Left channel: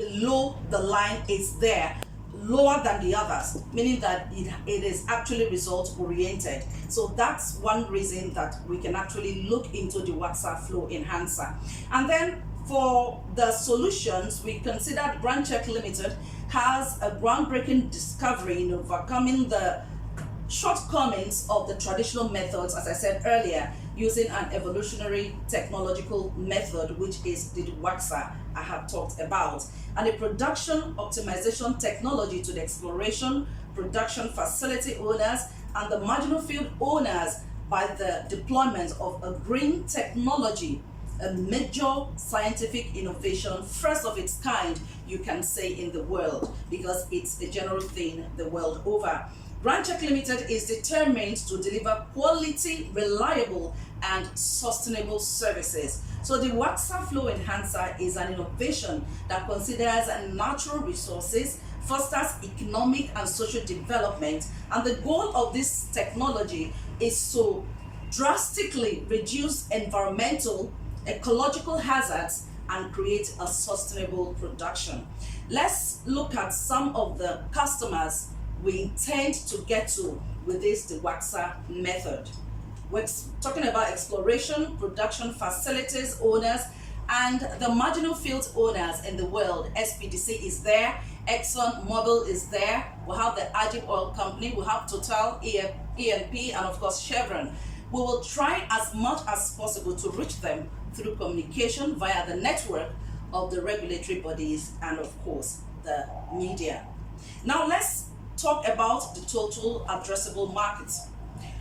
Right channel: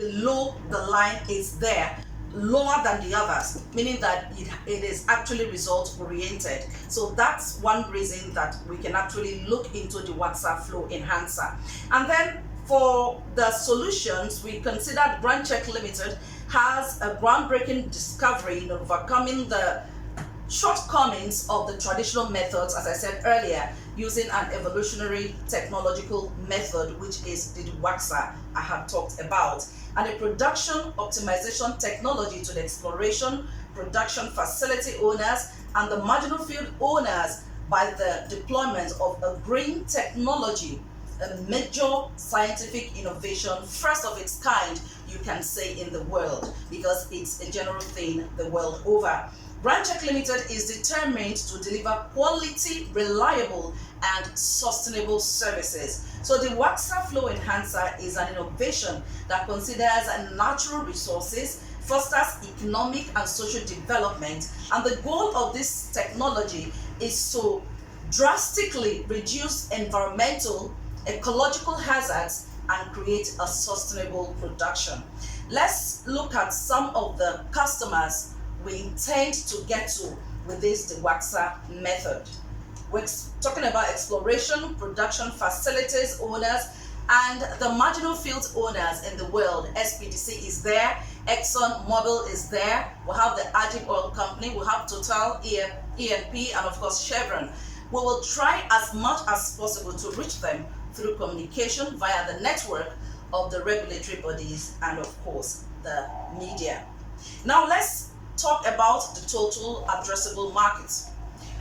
below the line is there, lower than the others, meaning that it is actually result oriented. So that's one reason that we can actually look into the WhatsApp flow enhancer. And then for the solutions, we considered Brand Check Limited has a groundbreaking discovery in overcoming the shortcomings of the traditional methods, as I said earlier, using an evolutionary technological method, which is the WAXA I had talked about, and a production optimization technology to the exploration, production facility owners, and the marginal field owners by the deployment of a green technology, a major scientific innovation, first of its kind, you can say, in the world, because it's a general thing the world over. Brand Check Limited is determined to deliver quality, reliable, and sustainable services. So the WAXA Flow Enhancer is an innovation that considers natural resources, fosters economic and social development, and the goal of this technology is to drastically reduce environmental, ecological hazards and create a sustainable production. Let's look at some of the customers we intend to get to with this the WAXA method. We're talking about exploration, production facilities owners, and the marginal field owners in the world. SPDC is there, Exxon Mobil is there, we have the Agit Oil Company, we have Total, E&P, and of course Chevron. We will try as much as possible to reach them through communication via the network of the regulatory bodies and of course the media. Now let's talk about the total addressable market.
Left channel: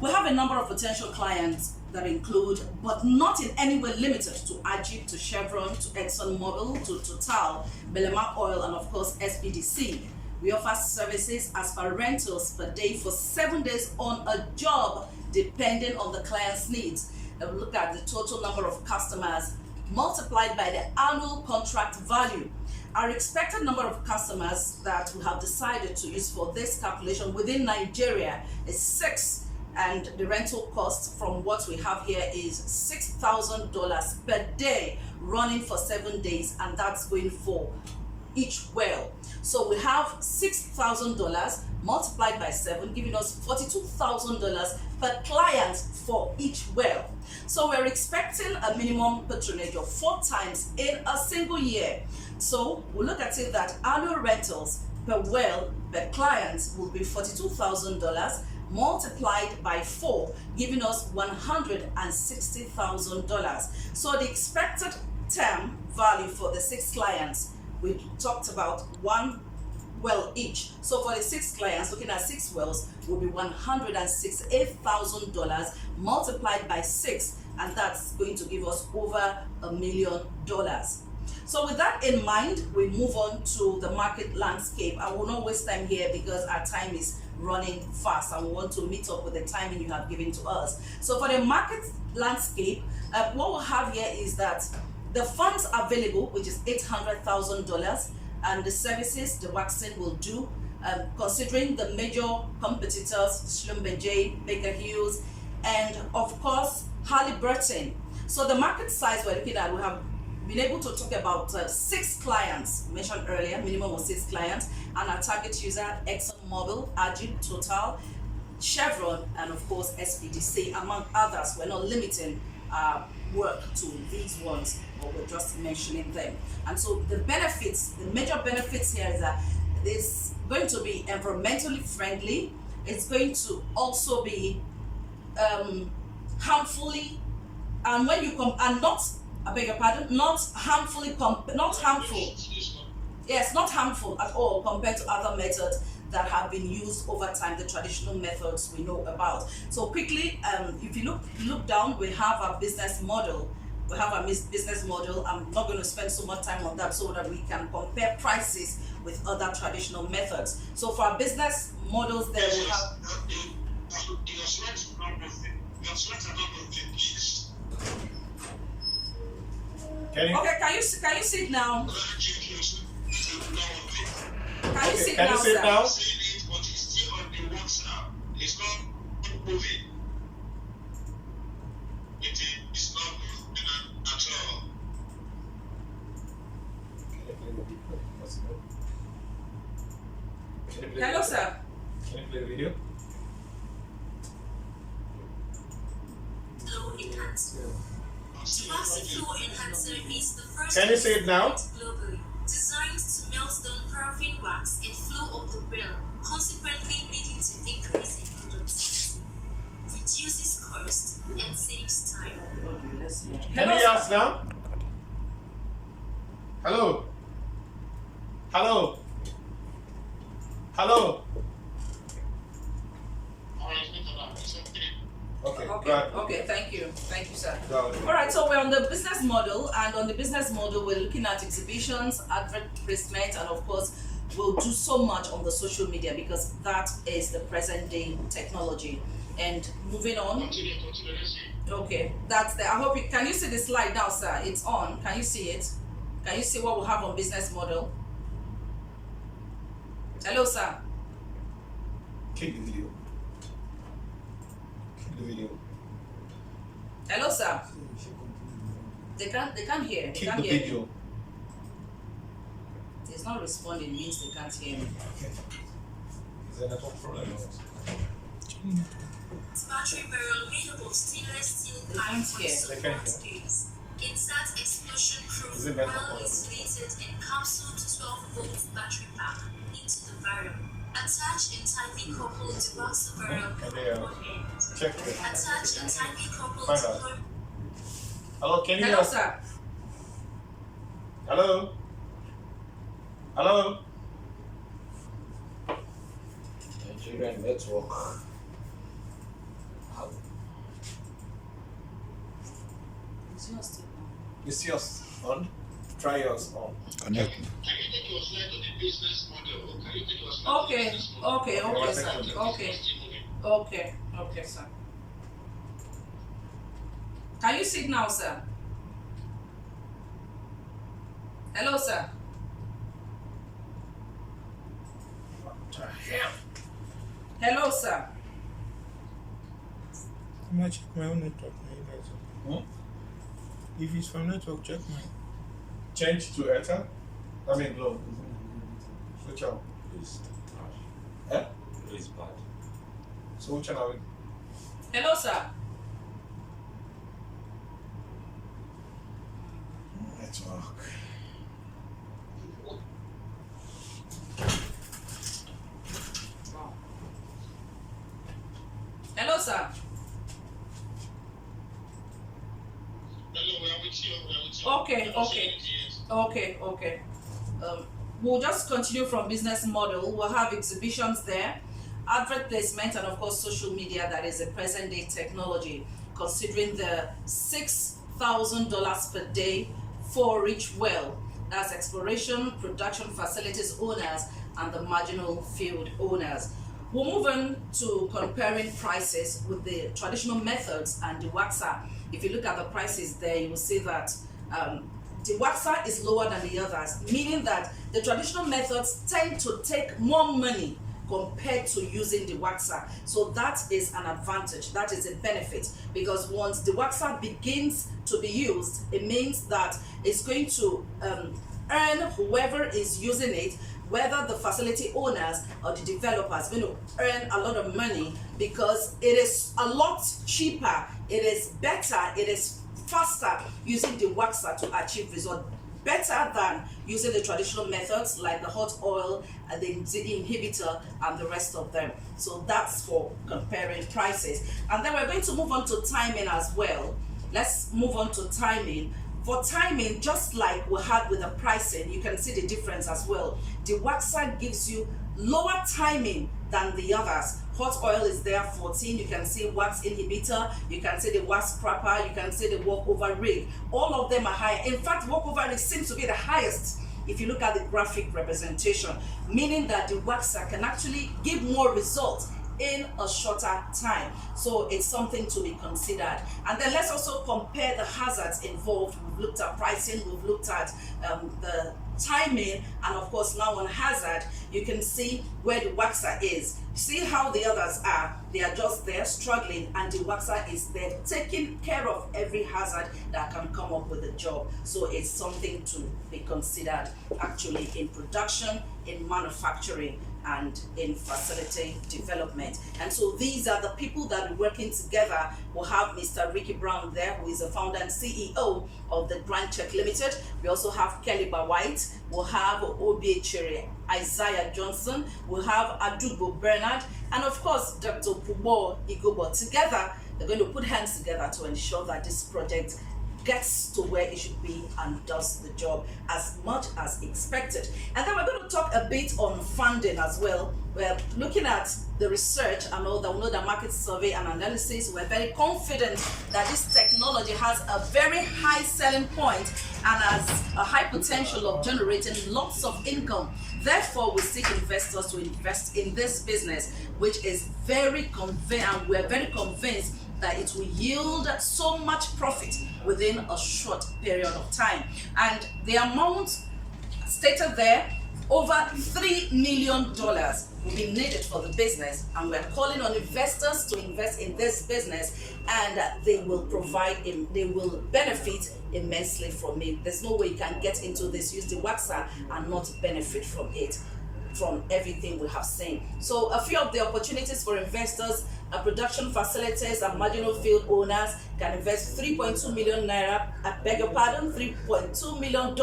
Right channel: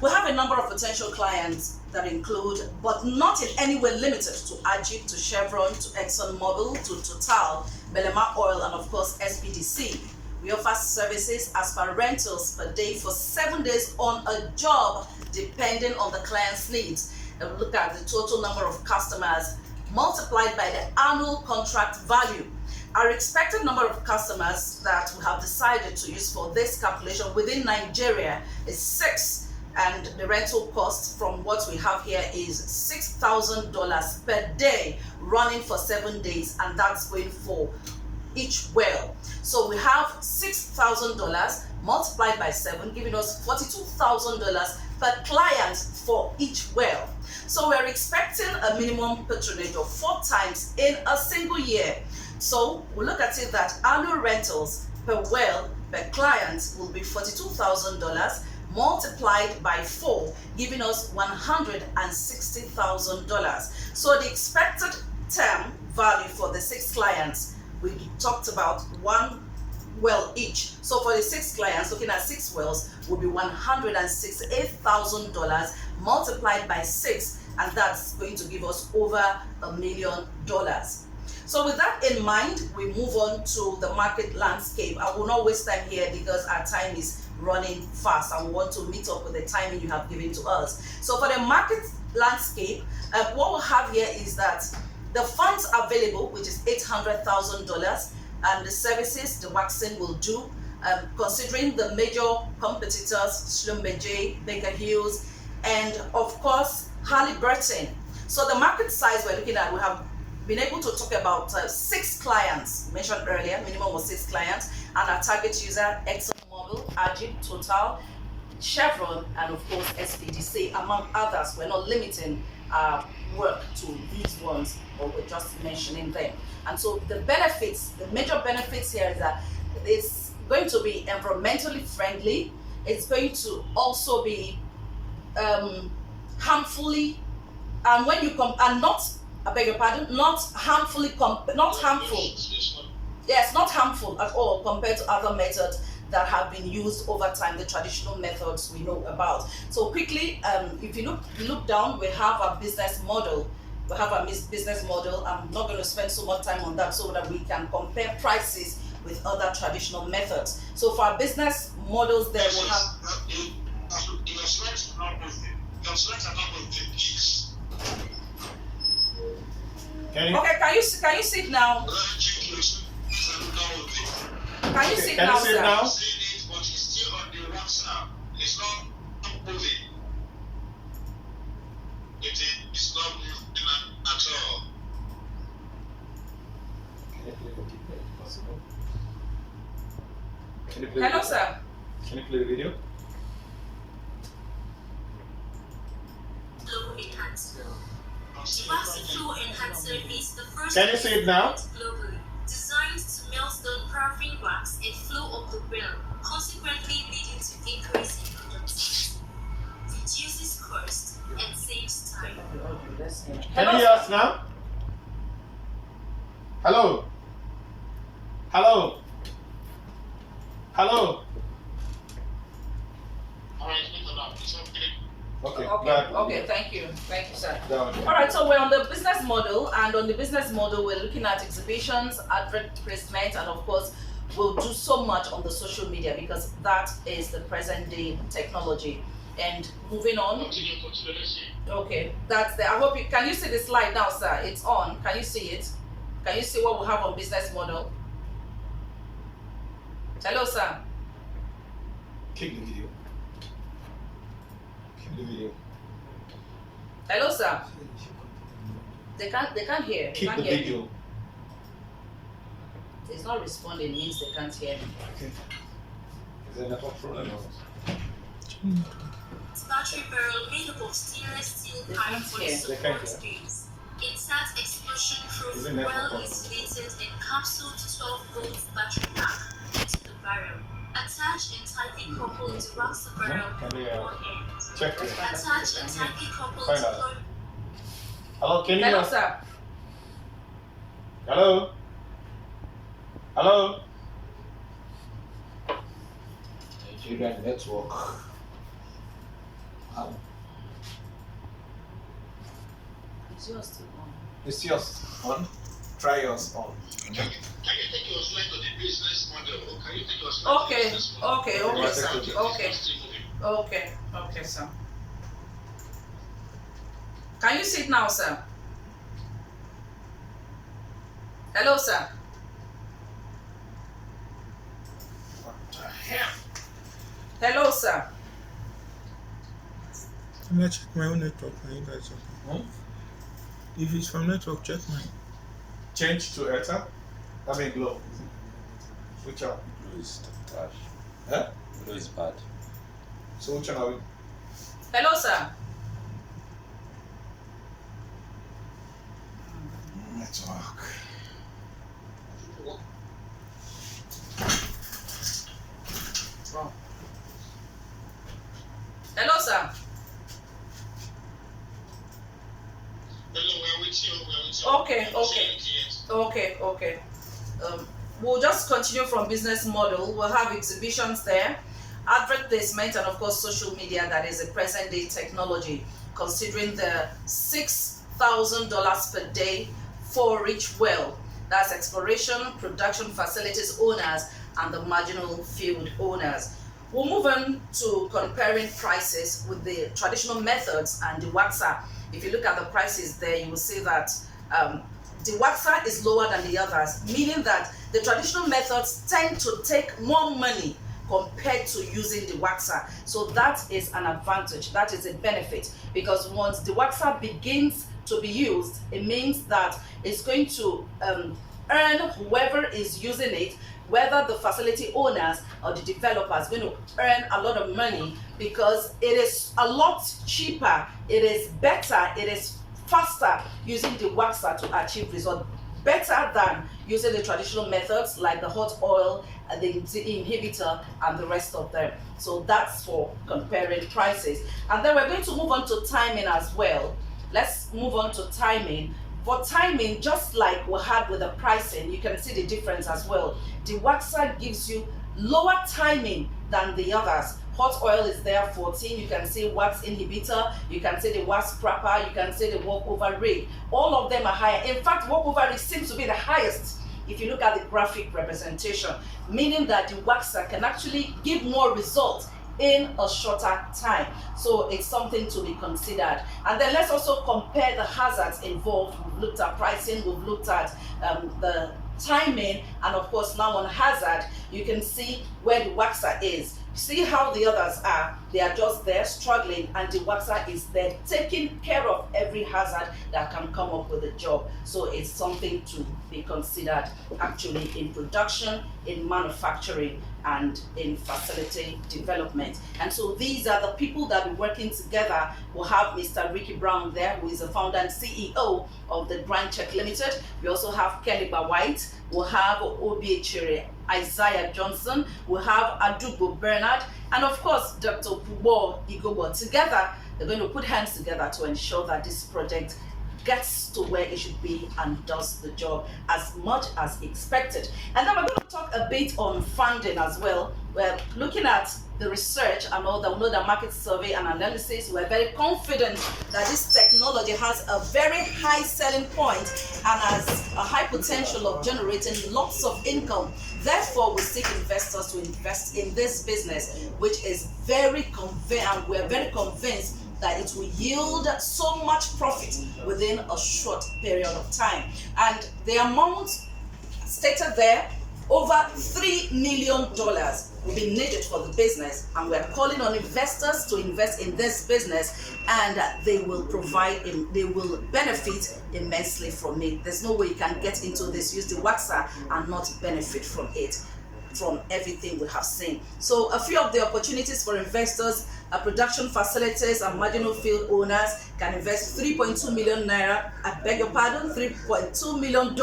We have a number of potential clients that include, but not in any way limited to, Agit, to Chevron, to Exxon Mobil, to Total, Belema Oil, and of course SPDC. We offer services as per rentals per day for 7 days on a job, depending on the client's needs. And look at the total number of customers multiplied by the annual contract value. Our expected number of customers that we have decided to use for this calculation within Nigeria is 6, and the rental cost from what we have here is $6,000 per day, running for 7 days, and that's going for each well. So we have $6,000 multiplied by 7, giving us $42,000 per client for each well. So we're expecting a minimum patronage of 4 times in a single year. So we look at it that annual rentals per well per client will be $42,000 multiplied by 4, giving us $160,000. So the expected term value for the 6 clients, we talked about 1 well each. So for the 6 clients, looking at 6 wells, will be $168,000 multiplied by 6, and that's going to give us over $1 million. So with that in mind, we move on to the market landscape. I will not waste time here because our time is running fast and we want to meet up with the timing you have given to us. So for the market landscape, what we'll have here is that the funds available, which is $800,000, and the services the waxing will do, considering the major competitors, Schlumberger, Baker Hughes, and of course Halliburton. So the market size we're looking at, we have been able to talk about 6 clients mentioned earlier, minimum was 6 clients, and our target user Exxon Mobil, Agit, Total, Chevron, and of course SPDC, among others. We're not limiting work to these ones, but we're just mentioning them. And so the benefits, the major benefits here is that it's going to be environmentally friendly. It's going to also be harmfully, and when you I beg your pardon, not harmful. Yes, not harmful at all compared to other methods that have been used over time, the traditional methods we know about. So quickly, if you look down, we have our business model. We have a business model. I'm not going to spend so much time on that so that we can compare prices with other traditional methods. So for our business models, there we have. Your slides are not moving. Your slides are not moving, please. Okay, can you see it now? Can you see it now, sir? But it's still on the WhatsApp. It's not moving. It's not moving at all. Possible. Can you play Hello, the video? sir. Can you play the video? Flow enhancer. The waxy flow enhancer is the first Can you see it now? globally designed to melt down paraffin wax and flow up the bill, consequently leading to increase in productivity, reduces cost, and saves time. Can you hear us now? Hello? Hello? Hello? Alright, later now. It's okay. Okay, Okay, thank you, sir. Go. All right, so we're on the business model, and on the business model, we're looking at exhibitions, advert placement, and of course, we'll do so much on the social media because that is the present day technology. And moving on, Continue, let's see. okay, that's there. I hope you can you see the slide now, sir? It's on. Can you see it? Can you see what we have on business model? Hello, sir. Click the video. Click the video. Hello, sir. They can't hear. They Click can't the hear me. video. It's not responding, means they can't hear me. Okay. Is there a network problem? Battery barrel made up of stainless steel They pipe can't for hear. They can't support hear. space. Insert explosion-proof, Isn't that for well-insulated, encapsulated 12-volt battery pack into the barrel. Attach and tightly couple the wax barrel Can from they, one end. check it. Attach and tightly couple Find the out. plug. Hello, can you hear Hello, us? sir. Hello? Hello? Nigerian network. How? Is yours still on? Is yours on? Try yours on. Can you take your slide on the business model? Can you take your slide on the Okay, business model? okay, sir. Okay. Okay, okay, sir. Can you see it now, sir? Hello, sir. What the hell? Hello, sir. I'm gonna check my own network. My guys. If it's from network, check mine. Change to Airtel? I mean Glow. Switch out. Blue is trash. Huh? Blue is bad. So which one are we? Hello, sir. Network. Wrong. Hello, sir. Hello, we are with you. Okay, We don't see okay. anything yet. Okay. We'll just continue from business model. We'll have exhibitions there, advert placement, and of course social media. That is a present day technology. Considering the $6,000 per day for each well, that's exploration, production facilities owners, and the marginal field owners. We'll move on to comparing prices with the traditional methods and the waxer. If you look at the prices there, you will see that the waxer is lower than the others, meaning that the traditional methods tend to take more money compared to using the waxer. So that is an advantage, that is a benefit, because once the waxer begins to be used, it means that it's going to earn whoever is using it, whether the facility owners or the developers, going to earn a lot of money because it is a lot cheaper, it is better, it is faster using the waxer to achieve results, better than using the traditional methods like the hot oil, the inhibitor, and the rest of them. So that's for comparing prices. And then we're going to move on to timing as well. Let's move on to timing. For timing, just like we had with the pricing, you can see the difference as well. The waxer gives you lower timing than the others. Hot oil is there 14, you can see wax inhibitor, you can see the wax scrapper, you can see the walkover rig. All of them are higher. In fact, walkover rig seems to be the highest if you look at the graphic representation, meaning that the waxer can actually give more results in a shorter time. So it's something to be considered. And then let's also compare the hazards involved. We've looked at pricing, we've looked at the timing, and of course now on hazard, you can see where the waxer is. see how the others are. They are just there struggling, and the waxer is there taking care of every hazard that can come up with the job. So it's something to be considered actually in production, in manufacturing, and in facility development. And so these are the people that are working together. We'll have Mr. Ricky Brown there, who is the founder and CEO of the Check Ltd. We also have Kelly White. We'll have Obiechere Isaiah Johnson. We'll have Adubo Bernard, and of course Dr. Pubo Igobo. Together, they're going to put hands together to ensure that this project gets to where it should be and does the job as much as expected. And then we're going to talk a bit on funding as well. We're looking at the research and all that. We know the market survey and analysis. We're very confident that this technology has a very high selling point and has a high potential of generating lots of income. Therefore, we seek investors to invest in this business, which is very convenient. We're very convinced that it will yield so much profit within a short period of time. And the amount stated there, over $3 million will be needed for the business, and we're calling on investors to invest in this business, and they will they will benefit immensely from it. There's no way you can get into this, use the waxer, and not benefit from it, from everything we have seen. So a few of the opportunities for investors: production facilities and marginal field owners can invest 3.2 million naira, I beg your pardon, $3.2 million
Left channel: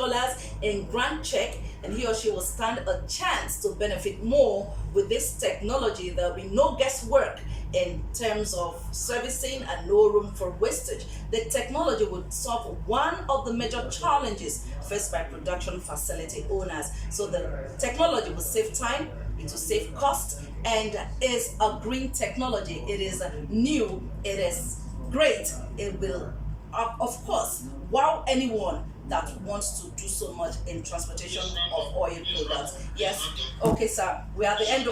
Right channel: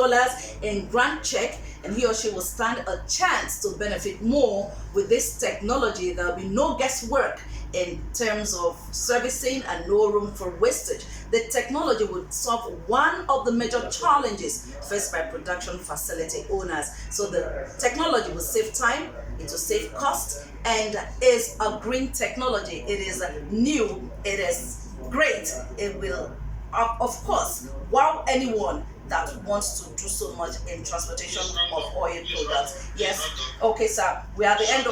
in grant check, and he or she will stand a chance to benefit more with this technology. There will be no guesswork in terms of servicing and no room for wastage. The technology would solve one of the major challenges faced by production facility owners. So the technology will save time, it will save cost, and is a green technology. It is new, it is great. It will, of course, wow anyone that wants to do so much in transportation of oil products. Yes. Okay, sir. We're at the end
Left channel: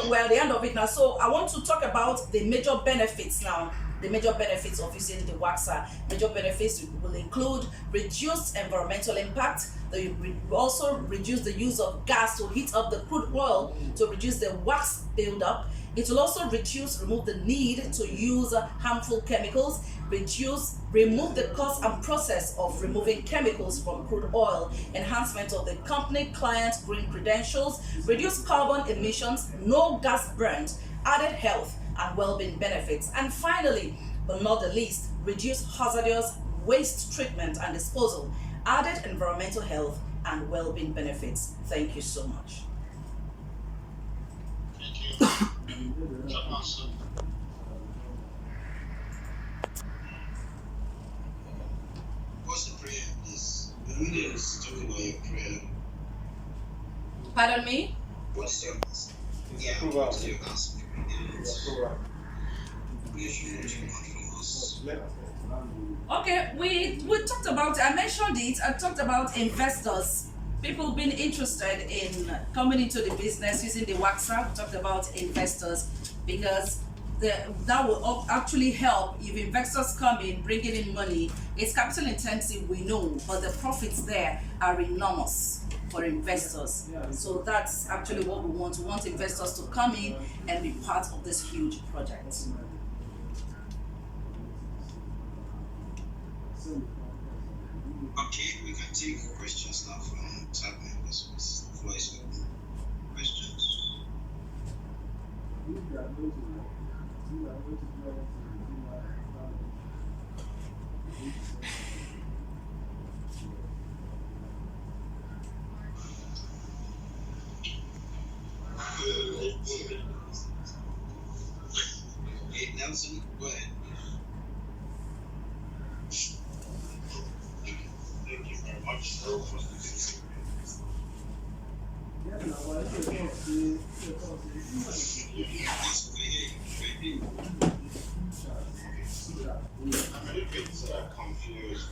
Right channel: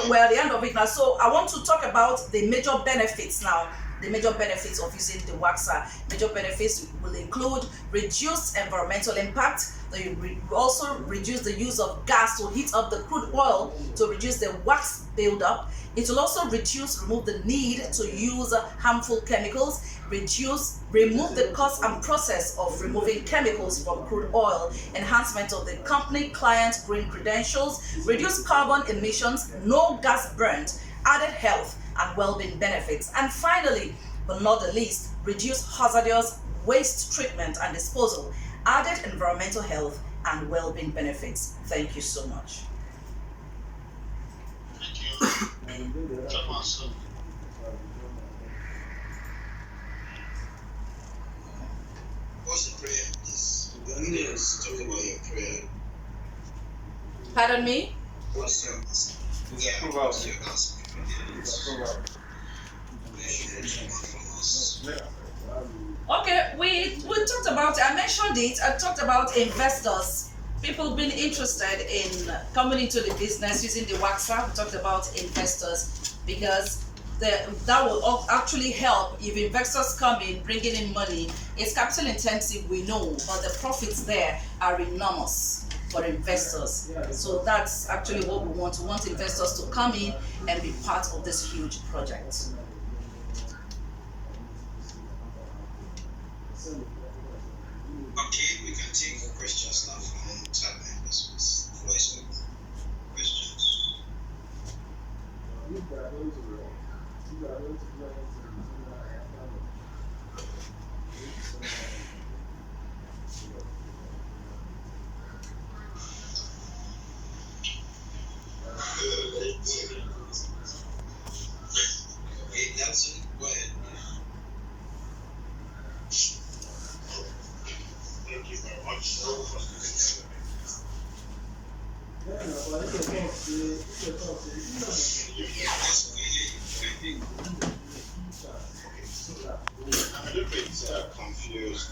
of it now. So I want to talk about the major benefits now. The major benefits of using the waxer. Major benefits will include reduced environmental impact. They will also reduce the use of gas to heat up the crude oil to reduce the wax buildup. It will also remove the need to use harmful chemicals, remove the cost and process of removing chemicals from crude oil, enhancement of the company client green credentials, reduce carbon emissions, no gas burnt, added health and well-being benefits, and finally, but not the least, reduce hazardous waste treatment and disposal, added environmental health and well-being benefits. Thank you so much. Thank you. Thomas. What's the prayer, please? The leaders talk about your prayer. Pardon me? What's your answer? Yeah, Approval. what's your answer? Approval. Okay, we talked about, I mentioned it, I talked about investors, people being interested in coming into the business using the waxer. We talked about investors because that will actually help if investors come in, bringing in money. It's capital intensive, we know, but the profits there are enormous for investors. So that's actually what we want. We want investors to come in and be part of this huge project. Okay, we can take questions now from tab members. The floor is open. Questions? Okay, Nelson, go ahead. Thank you very much. Yes, we hear you. I'm a little bit confused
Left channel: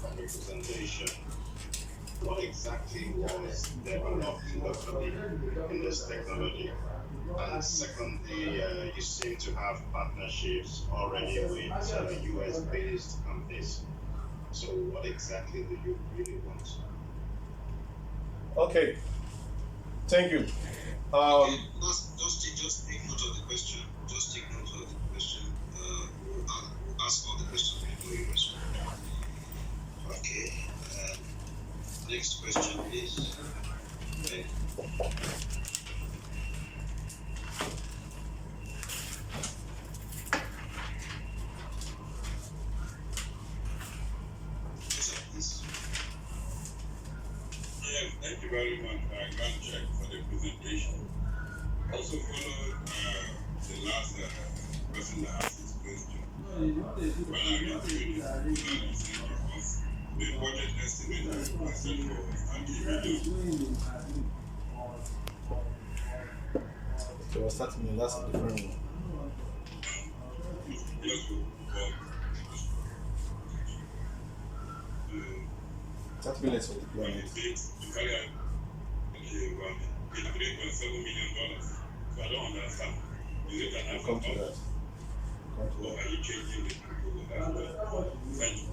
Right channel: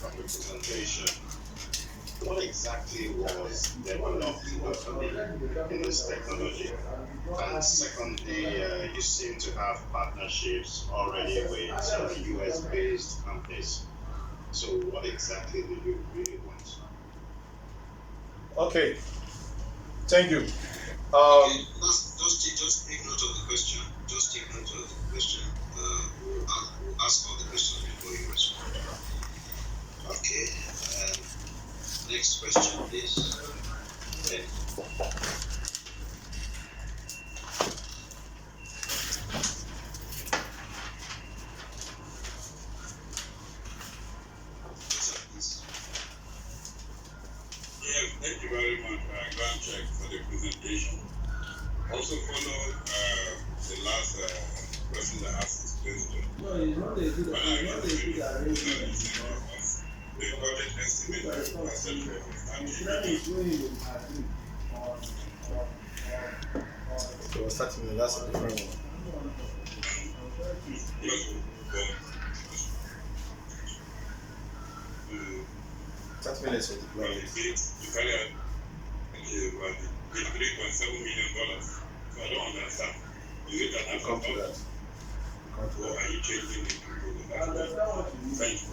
from the presentation. What exactly was developed locally in this technology? And secondly, you seem to have partnerships already with US-based companies. So what exactly do you really want? Okay, thank you. Okay, just take note of the question. Just take note of the question. We'll ask all the questions before you respond. Okay. Next question, please. Okay. Please. Yes, thank you very much, Grand Check, for the presentation. Also follow the last person that asked this question. When I read the budget estimate etc. So we're starting with that's a different one. 30 minutes for deployment. To carry out $3.7 million. So I don't understand. Is it an We'll come to that. or are you changing the proposal? Thank you.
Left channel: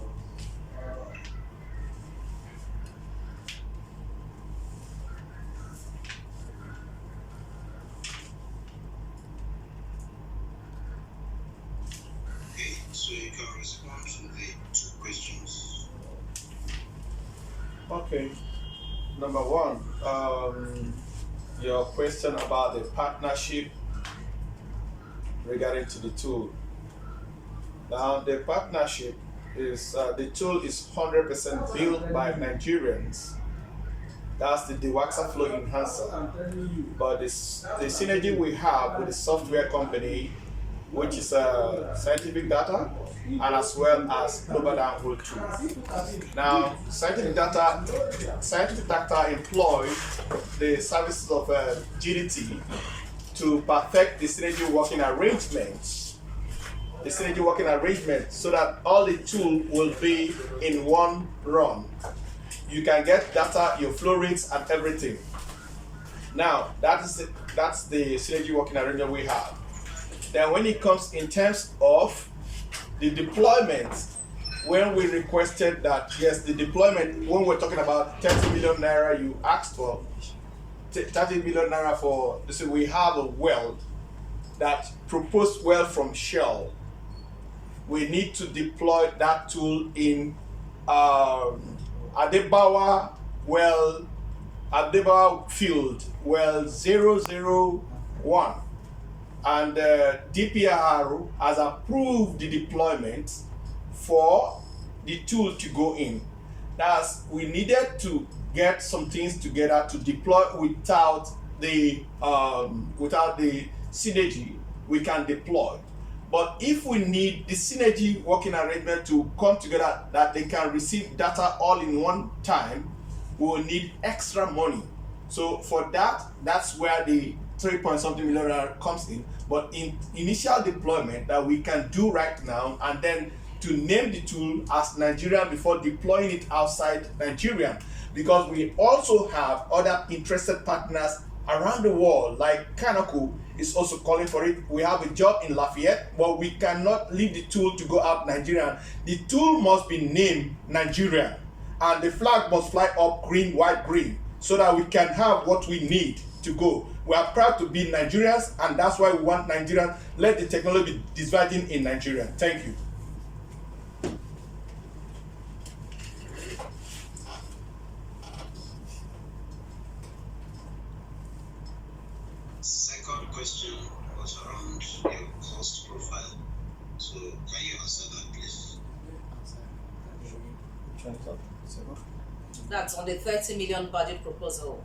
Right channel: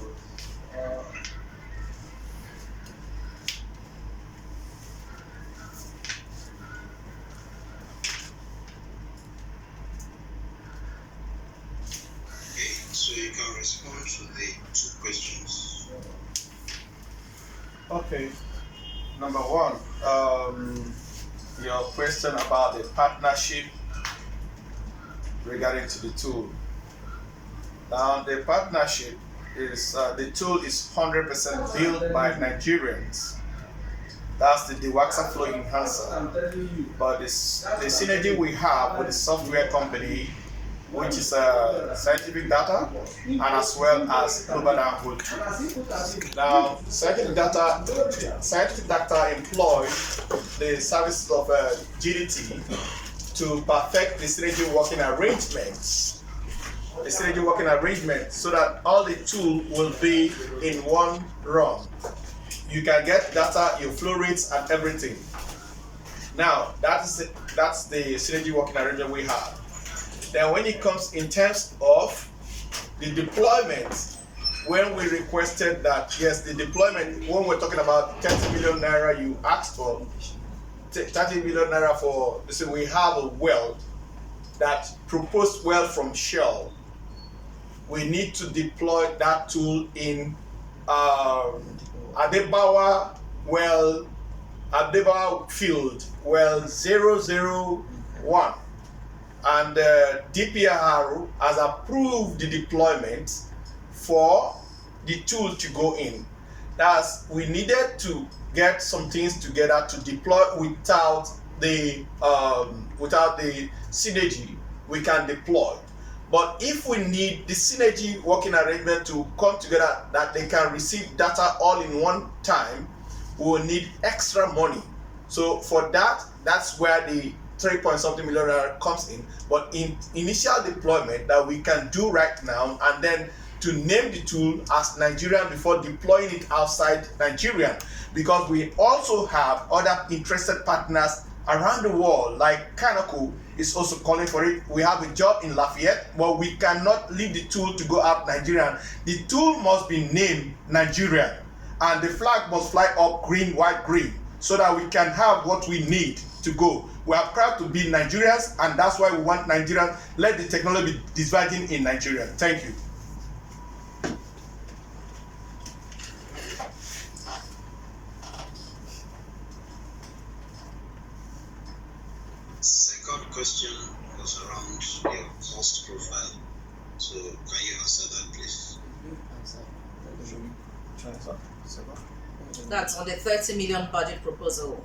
Okay, so you can respond to the two questions. Okay. Number one, your question about the partnership regarding to the tool. Now, the partnership is the tool is 100% built by Nigerians. That's the Dewaxa Flow Enhancer. But the synergy we have with the software company, which is scientific data, and as well as global downhole tool. Now, scientific data employ the services of GDT to perfect the synergy working arrangements. The synergy working arrangement so that all the tool will be in one run. You can get data, your flow rates, and everything. Now, that's the synergy working arrangement we have. Then when it comes in terms of the deployment, when we requested that, yes, the deployment, when we're talking about 30 million naira you asked for, 30 million naira for, so we have a well, that proposed well from Shell. We need to deploy that tool in Adebawa field, well 001. And DPR has approved the deployment for the tool to go in. That's, we needed to get some things together to deploy without the synergy we can deploy. But if we need the synergy working arrangement to come together that they can receive data all in one time, we will need extra money. So for that, that's where the 3-point-something million comes in. But in initial deployment that we can do right now, and then to name the tool as Nigerian before deploying it outside Nigeria, because we also have other interested partners around the world, like Kanako is also calling for it. We have a job in Lafayette, but we cannot leave the tool to go out Nigerian. The tool must be named Nigerian, and the flag must fly up green, white, green, so that we can have what we need to go. We are proud to be Nigerians, and that's why we want Nigerians. Let the technology be diverging in Nigeria. Thank you. Second question was around your cost profile. So can you answer that, please? That's on the 30 million budget proposal.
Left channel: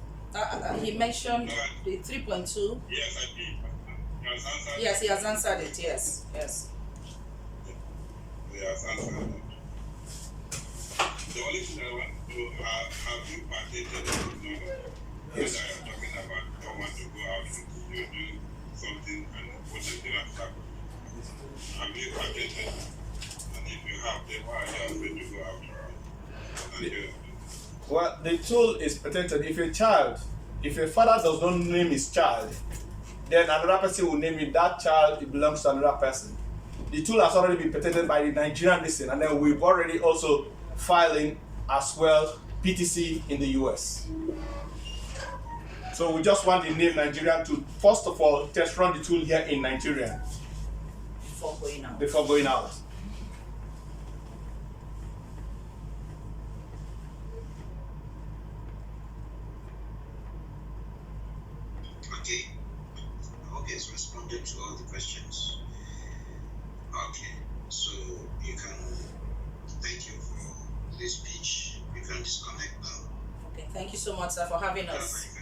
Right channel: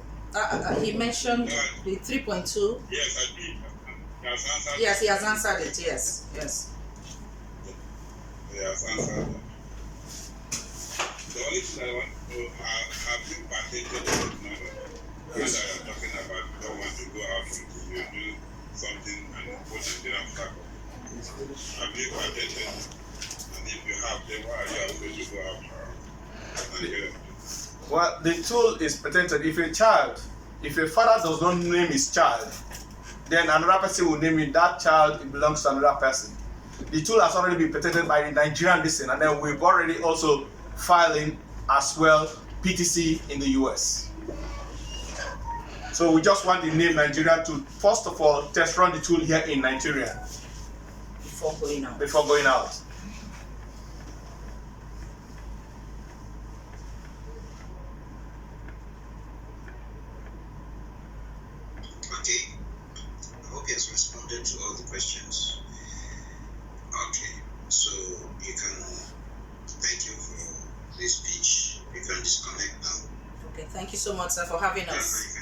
He mentioned the 3.2. Yes, I did. Yes, he has answered it. Yes, yes. He has answered that. The only thing I want to know, have you patented the technology? Yes. That I'm talking about, you don't want to go out and you do something and put a dinner flag. Have you patented? And if you have, then why are you afraid to go out? Well, the tool is patented. If a father does not name his child, then another person will name it. That child, it belongs to another person. The tool has already been patented by the Nigerian listen, and then we've already also filing as well PTC in the US. So we just want the name Nigeria to, first of all, test run the tool here in Nigeria Before going out. before going out. Okay. I hope he has responded to all the questions. Okay. So you can, thank you for this speech. You can disconnect now. Okay, thank you so much, sir, for having Yeah, us. you can